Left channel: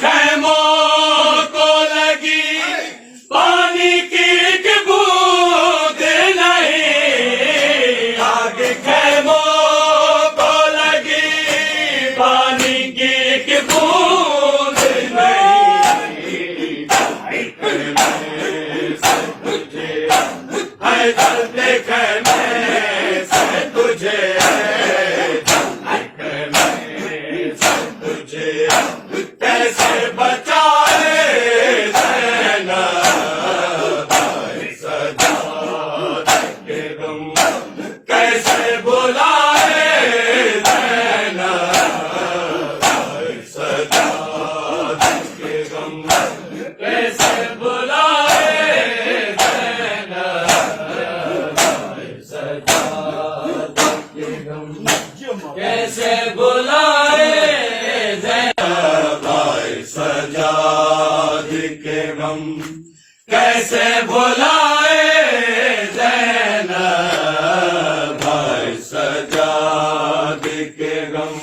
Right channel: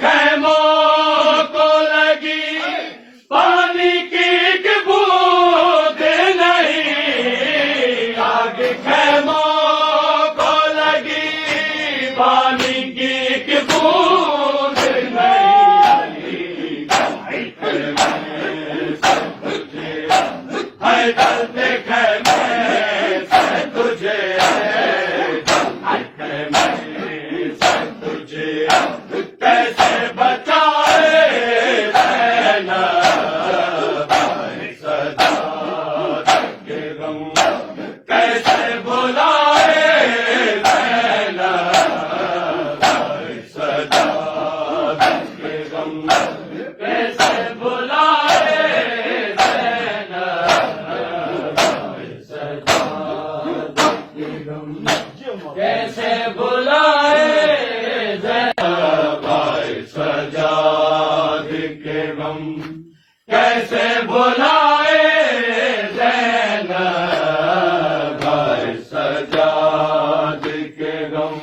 खैमों को लगी पानी की एक बूंद नहीं, आग खैमों को लगी पानी की एक बूंद नहीं। है दर्द खैमे से तुझे, तुझे कैसे बचाए रहना सदा के गम, कैसे बुलाए रहना सदा के गम, कैसे बुलाए रहना सदा के गम, कैसे बुलाए सजाद के गम, कैसे भुलाए ज़ैनब भाई सजाद के गम,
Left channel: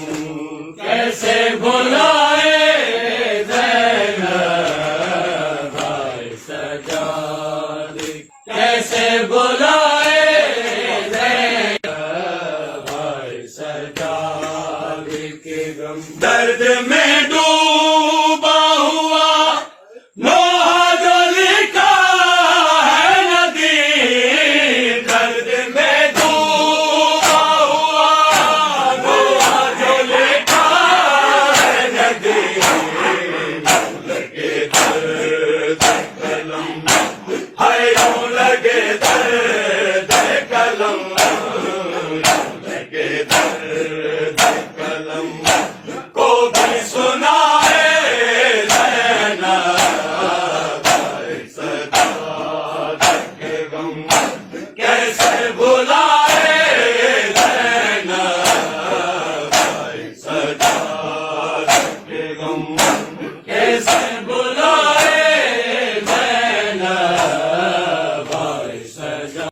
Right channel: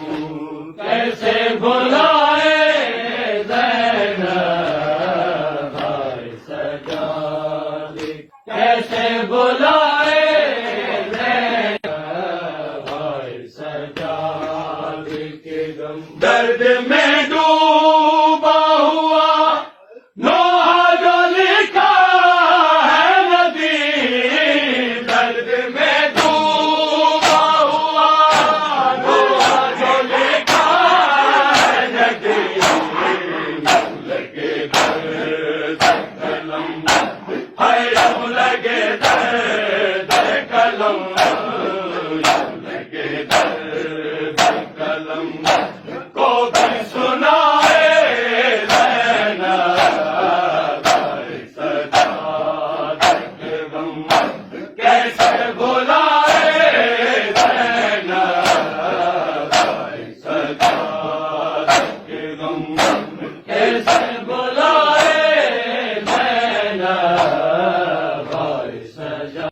कैसे भुलाए ज़ैनब भाई सजाद, कैसे भुलाए ज़ैनब भाई सजाद के गम। दर्द में डूबा हुआ लोहा जो लिखा है नदी, दर्द में डूबा हुआ लोहा जो लिखा है नदी, लगे दर्द कलम है लगे दर्द कलम, लगे दर्द कलम